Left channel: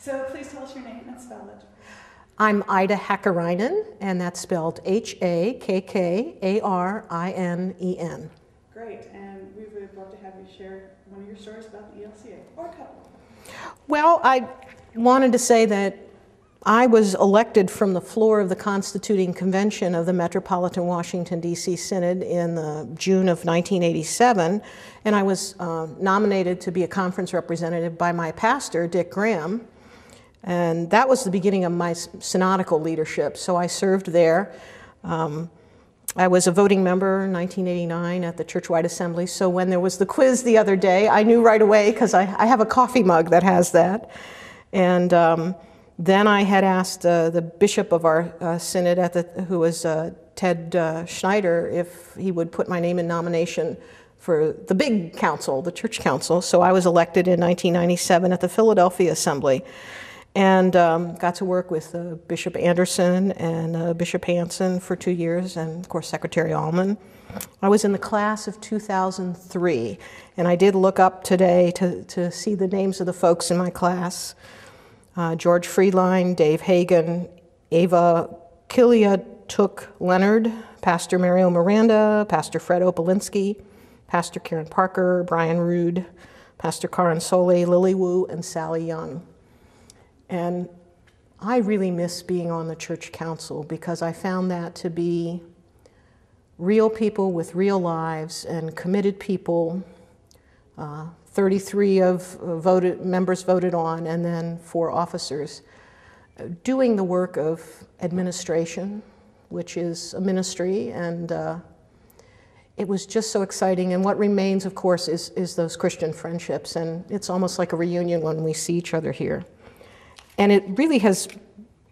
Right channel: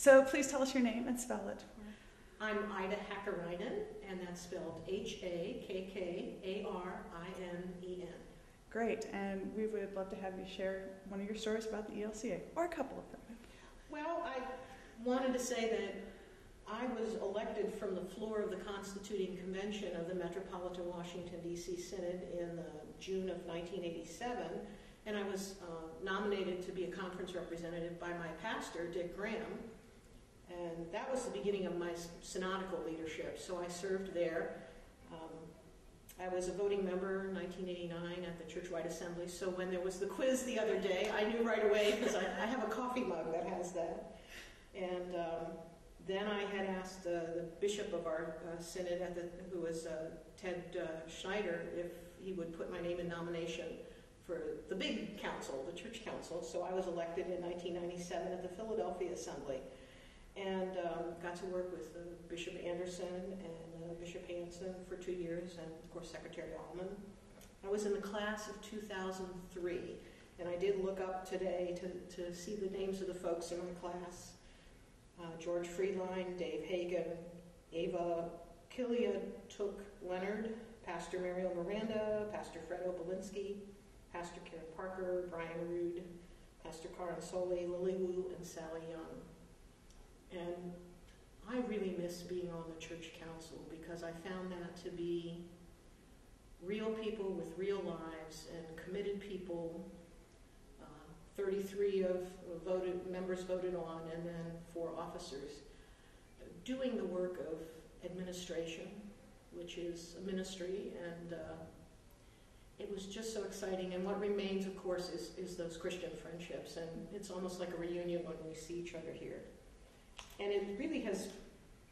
So please tell us your name and spell it. I'm Ida Hakkarinen, and that's spelled H-A-K-K-A-R-I-N-E-N. Great, and we would love to have you share one of your stories about the ELCA, or a couple of them. Well, I wanted to say that I was elected from the floor of the Constituting Convention of the Metropolitan Washington, D.C. Synod in June of 1987, and I was nominated to be a conference representative by my pastor, Dick Graham. And that was the beginning of my synodical leadership, so I served there. I was a voting member in 1989 at the Churchwide Assembly, so when there was the quiz the other day, I knew right away, because I have a coffee mug that has that. And then I had asked the bishop of our synod, who was Ted Schneider, if he would put my name in nomination for the big council, the church council. So I was elected in 1997 at the Philadelphia Assembly. And got to work with Bishop Anderson and Bishop Hansen for 2 years, and of course Secretary Allman. I was in the class of 2003, and I did look up today to see the names of the folks in my class. George Friedline, Dave Hagan, Ava Killia-Took-Leonard, Pastor Mario Miranda, Pastor Fred Opalinsky, Pastor Karen Parker, Brian Rood, Pastor Karen Soley, Lily Wu, and Sally Young. And I really miss being on the church council, because I found that to be real people with real lives and committed people. 33 members voted on, and then 4 officers, doing the work of administration, which is a ministry, and it was just so exciting. And what remains, of course, is those Christian friendships, and it's almost like a reunion when we see each other here. And it really has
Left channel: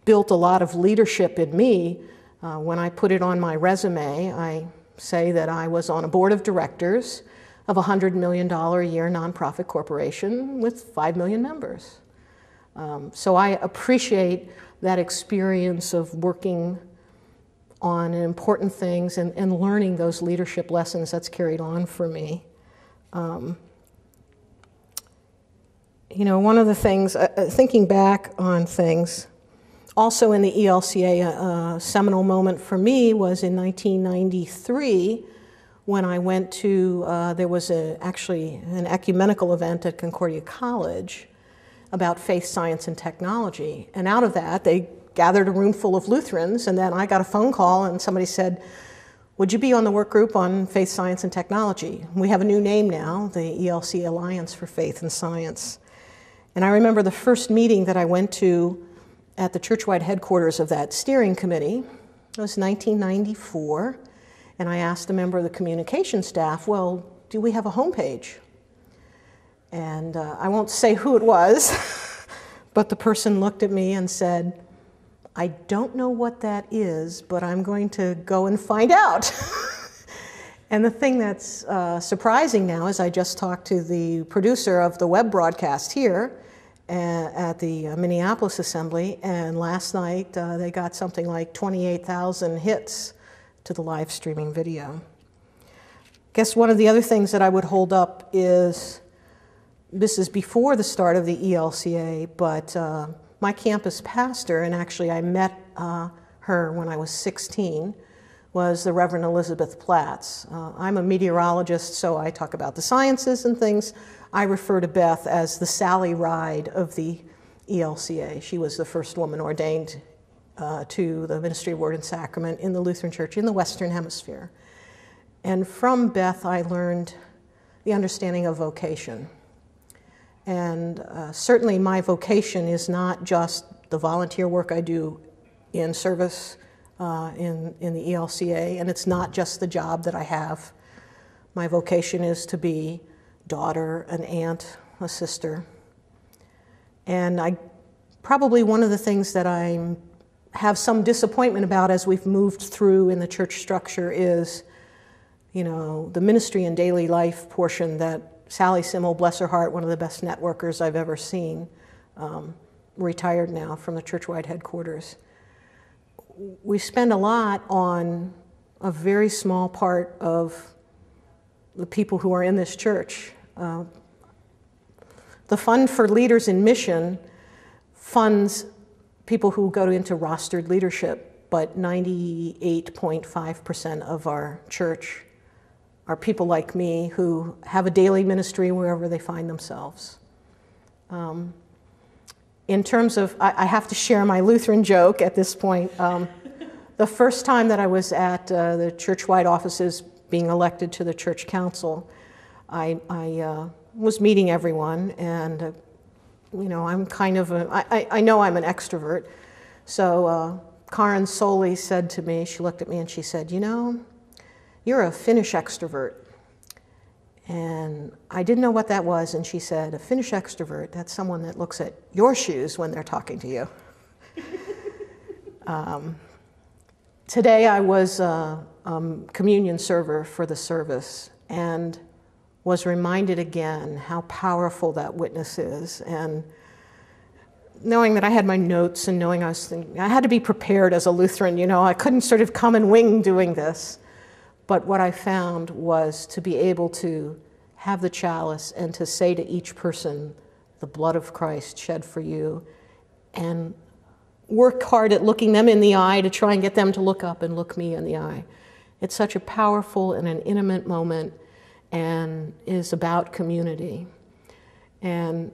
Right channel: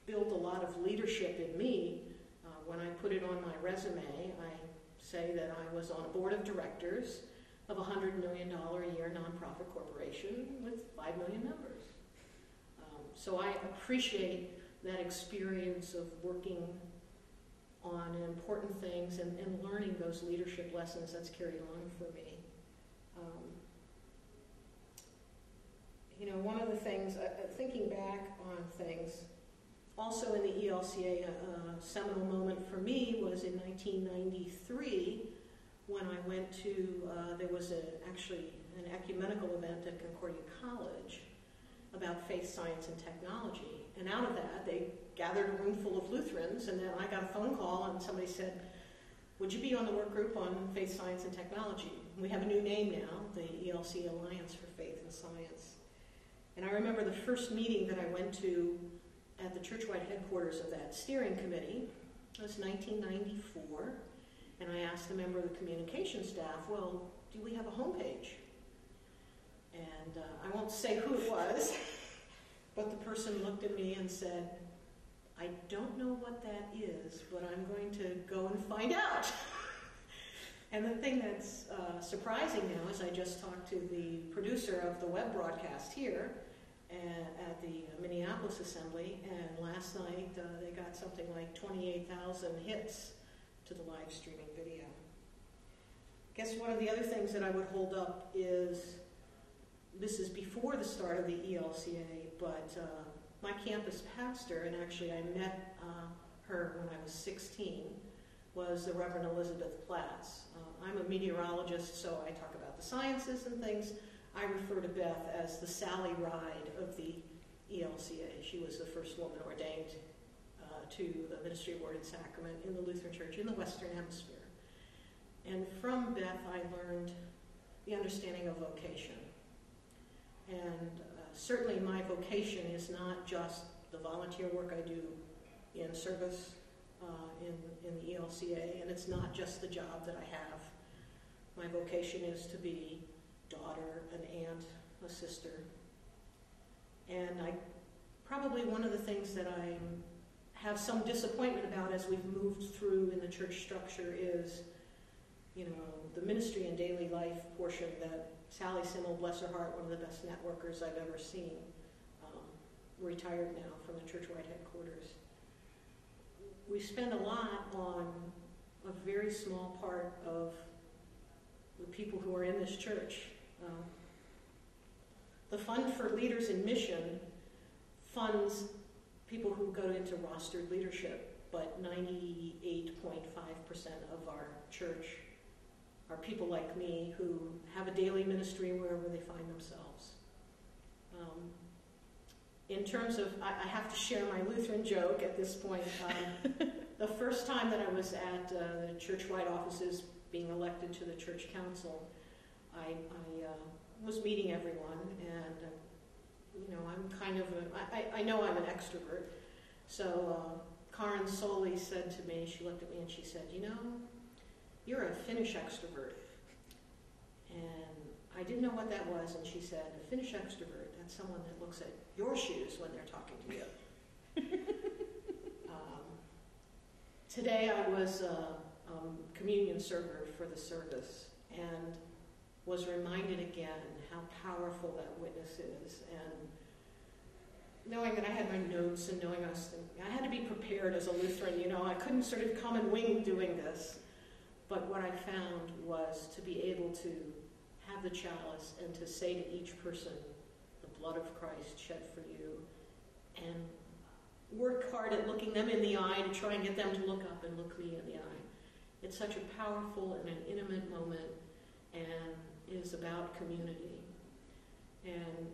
built a lot of leadership in me. When I put it on my resume, I say that I was on a board of directors of a $100 million a year nonprofit corporation with 5 million members. So I appreciate that experience of working on important things and learning those leadership lessons that's carried on for me. You know, one of the things, thinking back on things, also in the ELCA, a seminal moment for me was in 1993 when I went to, there was actually an ecumenical event at Concordia College about faith, science, and technology. And out of that, they gathered a room full of Lutherans, and then I got a phone call and somebody said, would you be on the work group on faith, science, and technology? We have a new name now, the ELCA Alliance for Faith and Science. And I remember the first meeting that I went to at the Churchwide headquarters of that steering committee. It was 1994, and I asked a member of the communication staff, well, do we have a homepage? And I won't say who it was, but the person looked at me and said, I don't know what that is, but I'm going to go and find out. And the thing that's surprising now is I just talked to the producer of the web broadcast here at the Minneapolis Assembly, and last night they got something like 28,000 hits to the live streaming video. I guess one of the other things that I would hold up is, this is before the start of the ELCA, but my campus pastor, and actually I met her when I was 16, was the Reverend Elizabeth Platts. I'm a meteorologist, so I talk about the sciences and things. I refer to Beth as the Sally Ride of the ELCA. She was the first woman ordained to the ministry of Word and Sacrament in the Lutheran Church in the Western Hemisphere. And from Beth, I learned the understanding of vocation. And certainly my vocation is not just the volunteer work I do in service in the ELCA, and it's not just the job that I have. My vocation is to be daughter, an aunt, a sister. And probably one of the things that I have some disappointment about as we've moved through in the church structure is, you know, the ministry and daily life portion that Sally Simmel, bless her heart, one of the best networkers I've ever seen, retired now from the Churchwide headquarters. We spend a lot on a very small part of the people who are in this church. The Fund for Leaders in Mission funds people who go into rostered leadership, but 98.5% of our church are people like me who have a daily ministry wherever they find themselves. In terms of, I have to share my Lutheran joke at this point. The first time that I was at the Churchwide offices being elected to the church council, I was meeting everyone, and you know, I'm kind of I know I'm an extrovert. So Karin Soli said to me, she looked at me and she said, you know, you're a Finnish extrovert. And I didn't know what that was, and she said, a Finnish extrovert, that's someone that looks at your shoes when they're talking to you. Today I was a communion server for the service and was reminded again how powerful that witness is. And knowing that I had my notes and knowing I was thinking, I had to be prepared as a Lutheran, you know, I couldn't sort of come and wing doing this. But what I found was to be able to have the chalice and to say to each person, the blood of Christ shed for you, and work hard at looking them in the eye to try and get them to look up and look me in the eye. It's such a powerful and an intimate moment and is about community. And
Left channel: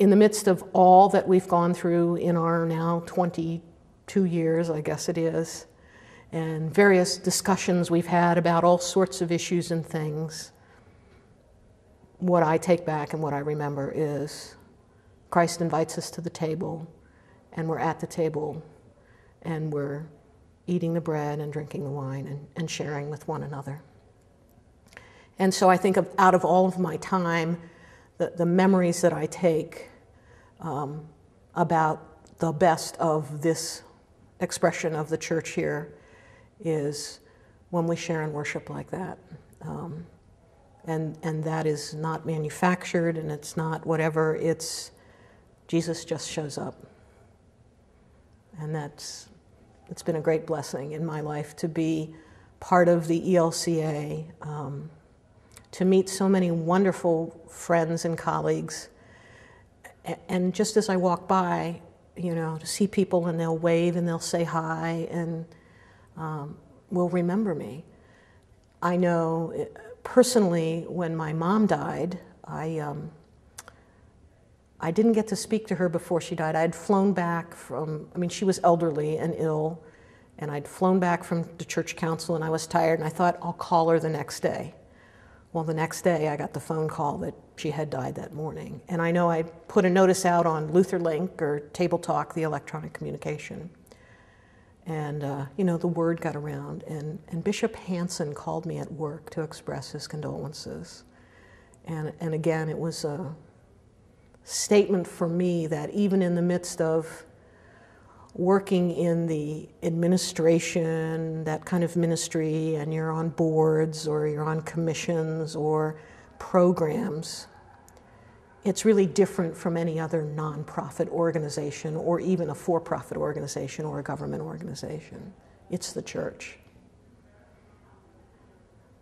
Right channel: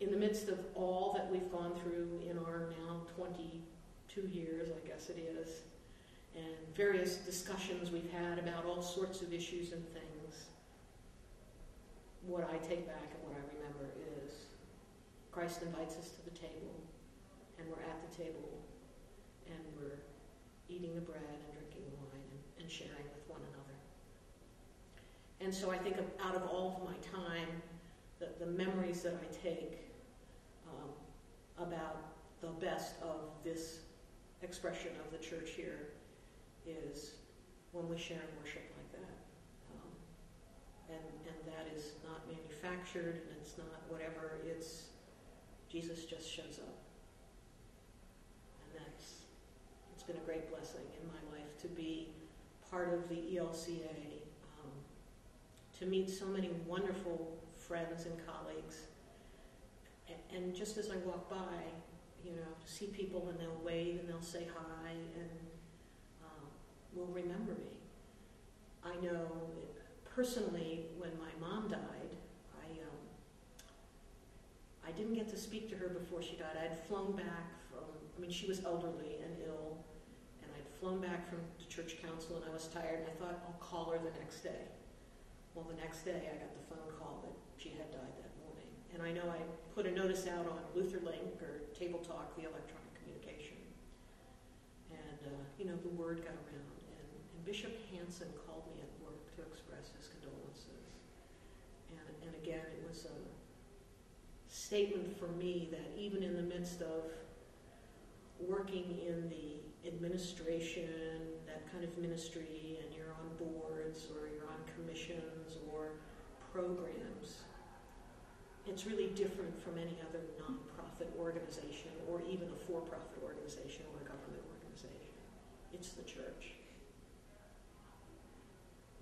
in the midst of all that we've gone through in our now 22 years, I guess it is, and various discussions we've had about all sorts of issues and things, what I take back and what I remember is Christ invites us to the table, and we're at the table, and we're eating the bread and drinking the wine and sharing with one another. And so I think out of all of my time, the memories that I take about the best of this expression of the church here is when we share and worship like that. And that is not manufactured, and it's not whatever, it's Jesus just shows up. And it's been a great blessing in my life to be part of the ELCA, to meet so many wonderful friends and colleagues. And just as I walk by, you know, to see people and they'll wave and they'll say hi and will remember me. I know personally when my mom died, I didn't get to speak to her before she died. I had flown back from, I mean, she was elderly and ill, and I'd flown back from the church council and I was tired, and I thought I'll call her the next day. Well, the next day I got the phone call that she had died that morning. And I know I put a notice out on LutherLink or Table Talk, the electronic communication. And, you know, the word got around, and Bishop Hansen called me at work to express his condolences. And again, it was a statement for me that even in the midst of working in the administration, that kind of ministry, and you're on boards or you're on commissions or programs, it's really different from any other nonprofit organization or even a for-profit organization or a government organization. It's the church.